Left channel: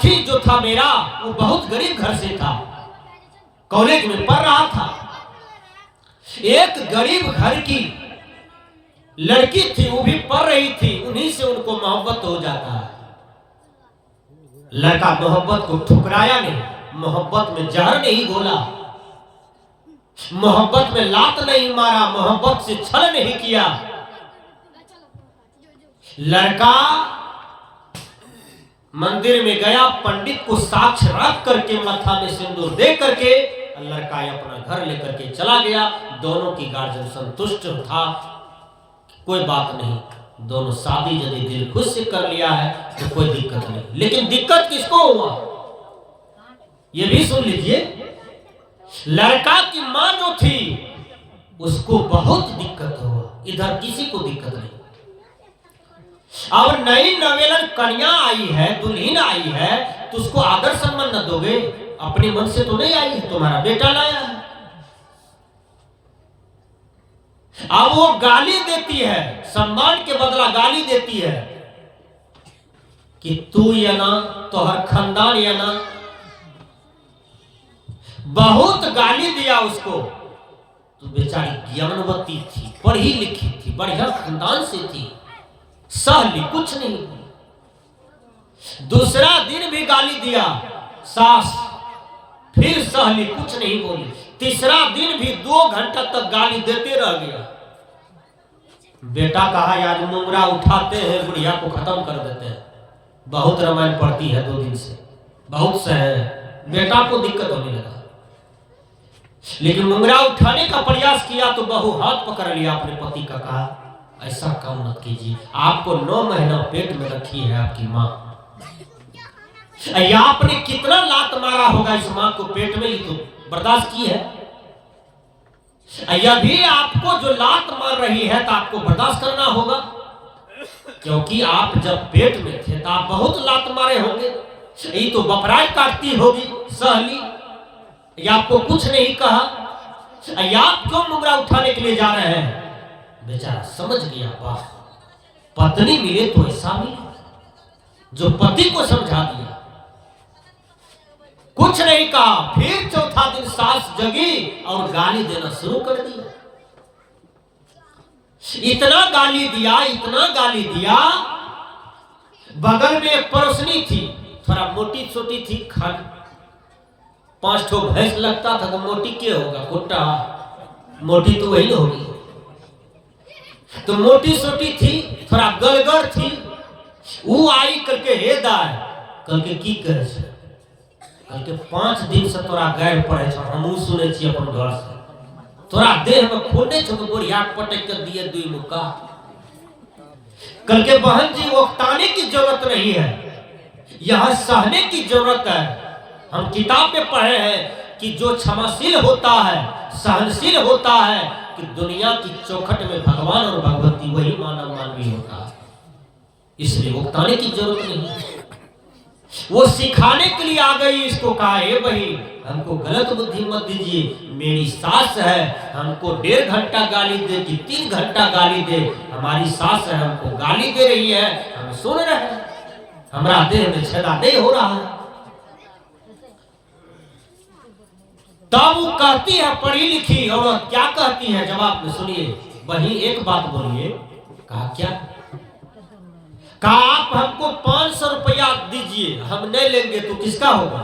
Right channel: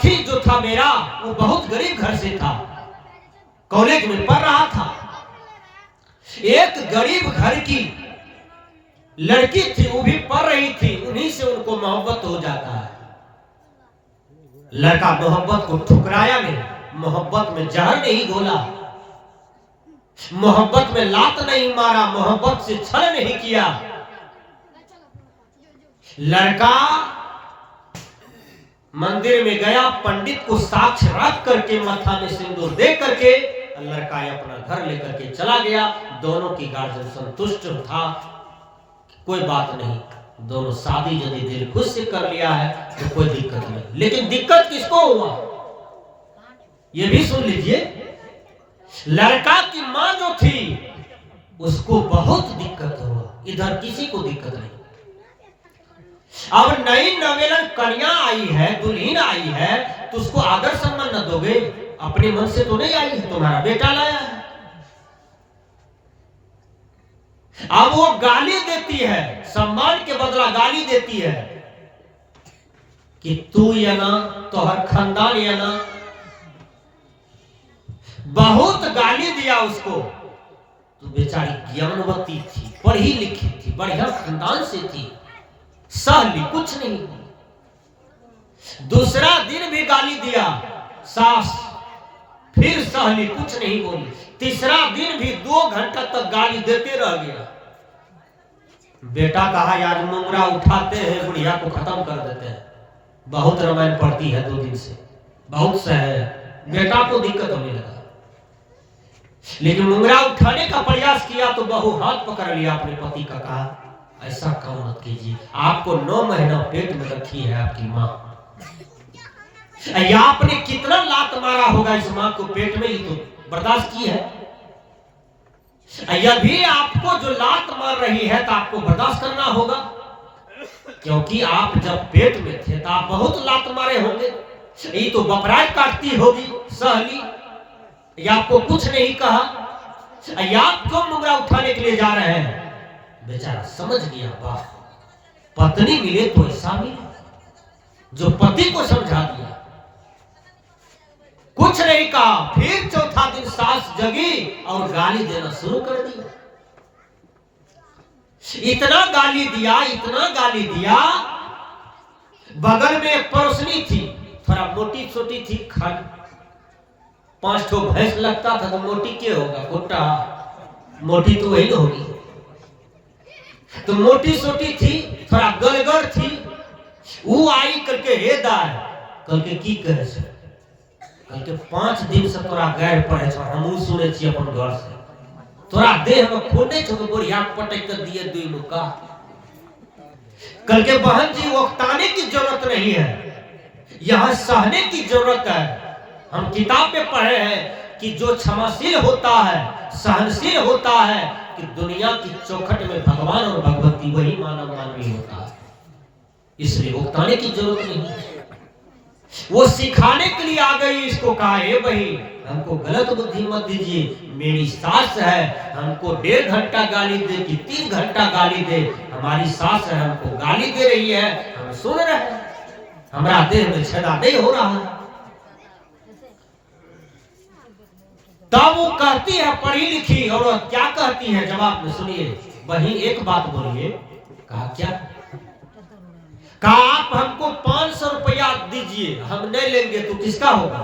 साथी जो था मेरा वो बहुत गरीब घर से था, कॉलेज में पढ़ रहा था। एक गरीब घर की लड़की थी, वो भी पढ़ रही थी, उन्हीं से उनको मोहब्बत हो जाता है। लड़का मोहब्बत को ठुकराया नहीं, मोहब्बत में जहर नहीं घोला, मोहब्बत में लात नहीं मारा, मोहब्बत से छल नहीं किया। लड़का मंदिर में गया, पंडित को साक्ष्य रख करके माथा में सिंदूर दे करके लड़का अपना घर लेकर के चला गया। दोनों की गार्जियन संतुष्ट था, कोई बात नहीं, दोनों शादी यदि दिल खुश से कर लिया है तो कोई दिक्कत नहीं। लेकिन दिक्कत किसको हुआ ये भी सुन लीजिए। लड़का की मां जो थी उसको बहुत दिक्कत हुआ, इधर किसी को दिक्कत नहीं। अब नई नवेलन कन्या आई है, दुल्हन आई है, तो उसको आदर सम्मान न दोगे? अपने मन से तो नहीं आई है, तुम्हारा बेटा लाया है। अब वो गाली देती है, सम्मान के बदला गाली देती है कि तू या ना, तोहर खानदान या ना। बहुत गाली दिया उसको। तो बेचारी ज्ञानवती थी, पढ़ी लिखी थी, बढ़िया खानदान से थी, सहली कुछ नहीं। दूसरा दिन भी गाली दिया सास, फिर सहली कुछ नहीं बोली। तीसरा दिन भी 2 घंटा तक गाली देते रह गया। बेटा कहा आज मुंगरा उठाते हैं, बुढ़िया को खत्म कर देते हैं। बहुत रामायण पढ़ती है 2 दिन से, बहुत सह है। बेटा को दिक्कत होने लगा, लेकिन मुंगरा उठाने का प्रयास किया तो बहू हाथ पकड़ लिया अपने पति का, कहा ऐसा काम मत कीजिए, आपको 9 महीना पेट में रखी है आपकी माँ। आपने कितना लात मारा होगा इस माँ को पेट में, ही तो बर्दाश्त की है। यदि आपको जो लात मार रही है तो आपको बर्दाश्त करना होगा, क्योंकि आप जब पेट में थे तो आप बहुत लात मारे होंगे। ये तो बपराय काटती होगी सहली, या आपको कुछ नहीं कहा, आप क्यों मुंगरा उठाने के लिए जा रहे हैं? बेचारा समझ गया, वाह पत्नी मिले तो ऐसा मिले जो पति को समझा दिया। कुछ नहीं कहा। फिर चौथा दिन सास जगी और गाली देना शुरू कर दिया। इतना गाली दिया, इतना गाली दिया। बगल में एक पड़ोसनी थी, थोड़ा मोटी छोटी थी, 5 ठो भैंस लगता था, तो मोटी क्या होगा, कुत्ता मोटी तो वही होगी। तो मोटी छोटी थी, थोड़ा गलगड़ थी। वो आई करके हे दाय, कल के की करे से, कल के 5 दिन से तोरा गैर पड़े छ, हमहू सुने छी अपन घर से, तोरा देह में खून नहीं छो, बुढ़िया पटक कर दिए 2 मुक्का। कल के बहन जी उकताने की जरूरत नहीं है, यहां सहने की जरूरत है। हम किताब में पढ़े हैं कि जो क्षमाशील होता है, सहनशील होता है, कि दुनिया की चौखट में भगवान और भगवती वही मानव मानवी होता है। इसलिए उकताने की जरूरत नहीं। वो सिखाने के लिए आ गई। इसको कहा हे भाई हमको गलत बुद्धि मत दीजिए, मेरी सास है, हमको 1.5 घंटा गाली दे कि 3 घंटा गाली दे, हमारी सास है, हमको गाली दे रही है, हम सुन रहे हैं, हमारा देह में छेदा नहीं हो रहा है। तब वो कहती है पढ़ी लिखी औरत, क्या कहती है जवाब में सुनिए। वही एक बात बोलिए। कहा क्या? कहा आप हमको 500 रुपया दीजिए, हम नहीं लेंगे तो किसका होगा?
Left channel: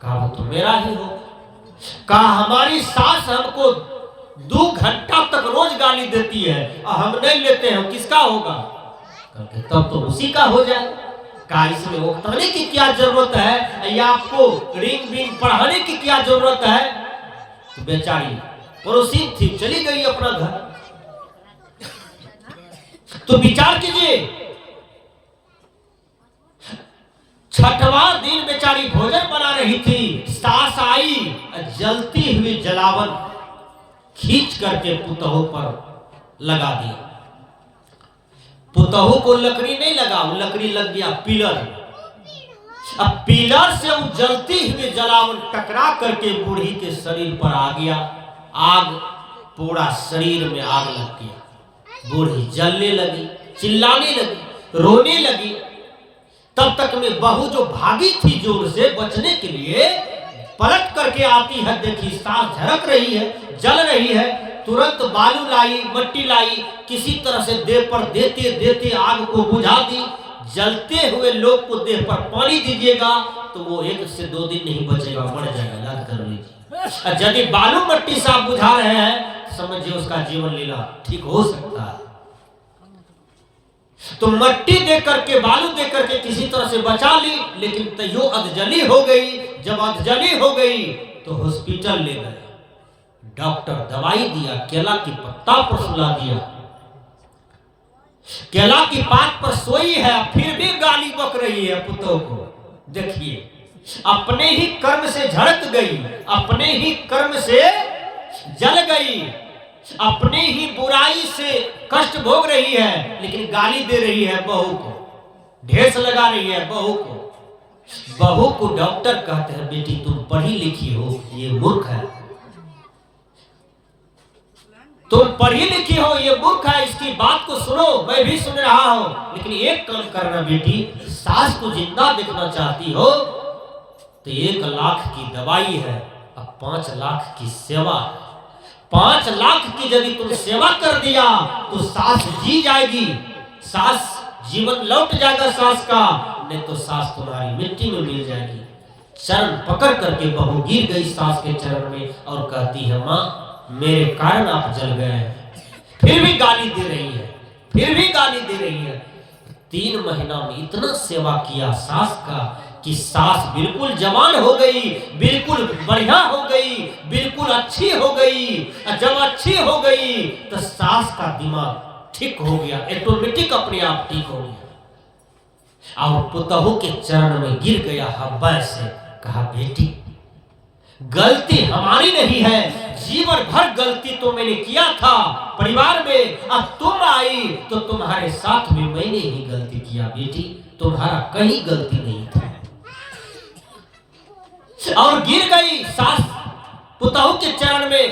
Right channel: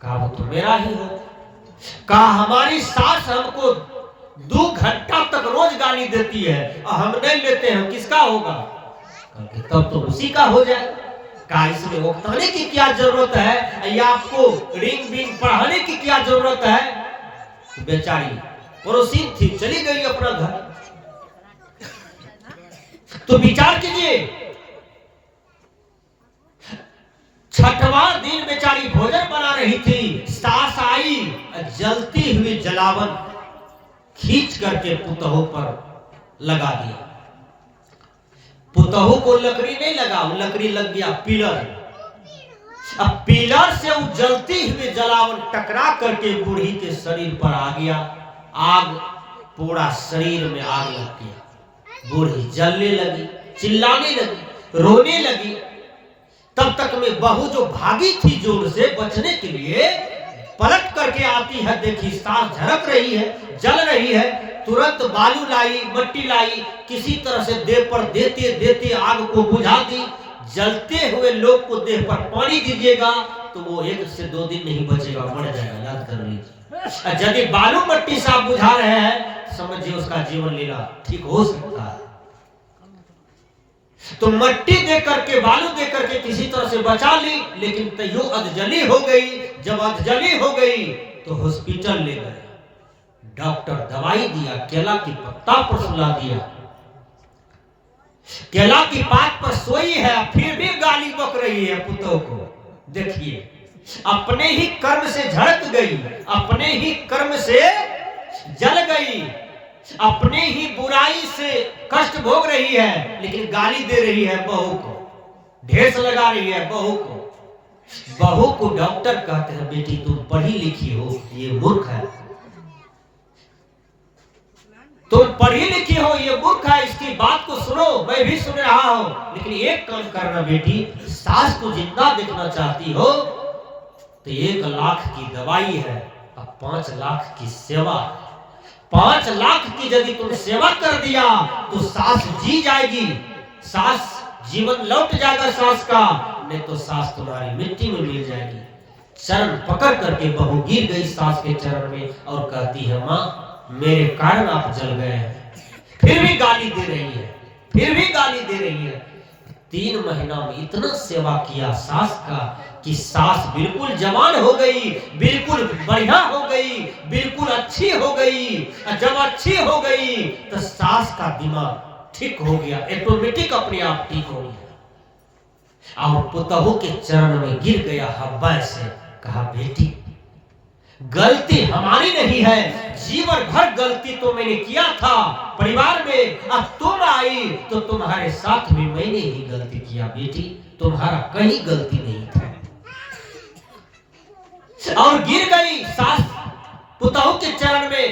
कहा वो तो मेरा ही हो। कहा हमारी सास हमको 2 घंटा तक रोज गाली देती है और हम नहीं लेते हैं, किसका होगा? तब तो उसी का हो जाए। कहा इसमें उकताने की क्या जरूरत है, या आपको रिंग बिंग पढ़ाने की क्या जरूरत है? तो बेचारी पड़ोसी थी, चली गई अपना घर। तो विचार कीजिए, 6वां दिन बेचारी भोजन बना रही थी, सास आई, जलती हुई जलावन खींच करके पुतहू पर लगा दिया। पुतहू को लकड़ी नहीं लगा, वो लकड़ी लग गया पिलर। अब पिलर से वो जलती हुई जलावन टकरा करके बूढ़ी के शरीर पर आ गया। आग पूरा शरीर में आग लग गया। बूढ़ी जलने लगी, चिल्लाने लगी, रोने लगी। तब तक में बहू जो भागी थी जोर से बचने के लिए, पलट करके आती है, देखी सांस झरक रही है, जल रही है। तुरंत बालू लाई, मट्टी लाई, किसी तरह से देह पर देते देते आग को बुझा दी। जलते हुए लोग को देह पर पानी दीजिएगा तो वो 1 से 2 दिन नहीं बचेगा, मर जाएगा, याद कर लीजिए। यदि बालू मट्टी से आप बुझा रहे हैं, समझिए उसका जीवन लीला ठीक हो सकता है। तो मट्टी दे करके, बालू दे करके किसी तरह से बचा ली, लेकिन तैयो अधजली हो गई। जब अधजली हो गई तो हॉस्पिटल ले गए, डॉक्टर दवाई दिया, केला की पत्ता पर सुला दिया, केला की पात पर सोई है, फिर भी गाली बक रही है पुतों को। देखिए, अपने ही कर्म से झड़क गई, अपने ही कर्म से जल गई, अपने ही बुराई से कष्ट भोग रही है, लेकिन गाली दे रही है बहू को, ढेस लगा रही है बहू को। बहू को डॉक्टर कहते हैं, बेटी तुम पढ़ी लिखी हो, ये मूर्ख है। तुम पढ़ी लिखी हो, ये मूर्ख है, इसकी बात को सुनो, मैं भी सुन रहा हूं, लेकिन एक काम करना बेटी, सास को जिंदा देखना चाहती हो तो 1 लाख की दवाई है, अब 5 लाख की सेवा है। 5 लाख की यदि तुम सेवा कर दिया तो सास जी जाएगी, सास जीवन लौट जाएगा सास का, नहीं तो सास तुम्हारी मिट्टी में मिल जाएगी। चरण पकड़ करके बहू गिर गई सास के चरण में और कहती है, माँ मेरे कारण आप जल गए हैं। फिर भी गाली दे रही है, फिर भी गाली दे रही है। 3 महीना में इतना सेवा किया सास का कि सास बिल्कुल जवान हो गई, बिल्कुल बढ़िया हो गई, बिल्कुल अच्छी हो गई। जब अच्छी हो गई तो सास का दिमाग ठीक हो गया, ऑटोमेटिक अपने आप ठीक हो गया। और पुतहू के चरण में गिर गया हब्बा से, कहा बेटी गलती हमारी नहीं है, जीवन भर गलती तो मैंने किया था परिवार में, अब तुम आई तो तुम्हारे साथ में मैंने ही गलती किया बेटी, तुम्हारा कहीं गलती नहीं था। और गिर गई सास पुतहू के चरण में,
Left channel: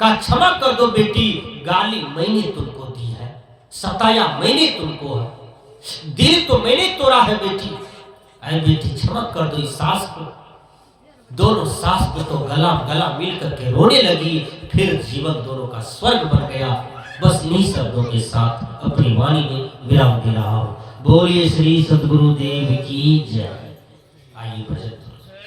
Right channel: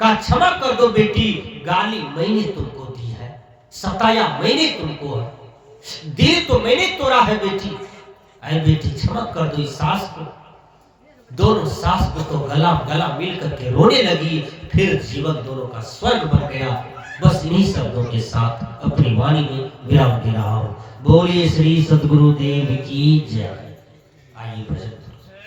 कहा क्षमा कर दो बेटी, गाली मैंने तुमको दी है, सताया मैंने तुमको है, दिल तो मैंने तोड़ा है बेटी, अरे बेटी क्षमा कर दो इस सास को। दोनों सास को तो गला गला मिल करके रोने लगी। फिर जीवन दोनों का स्वर्ग बन गया। बस इन्हीं शब्दों के साथ अपनी वाणी में विराम दे रहा हूं। बोलिए श्री सद्गुरु देव की जय। आइए भजन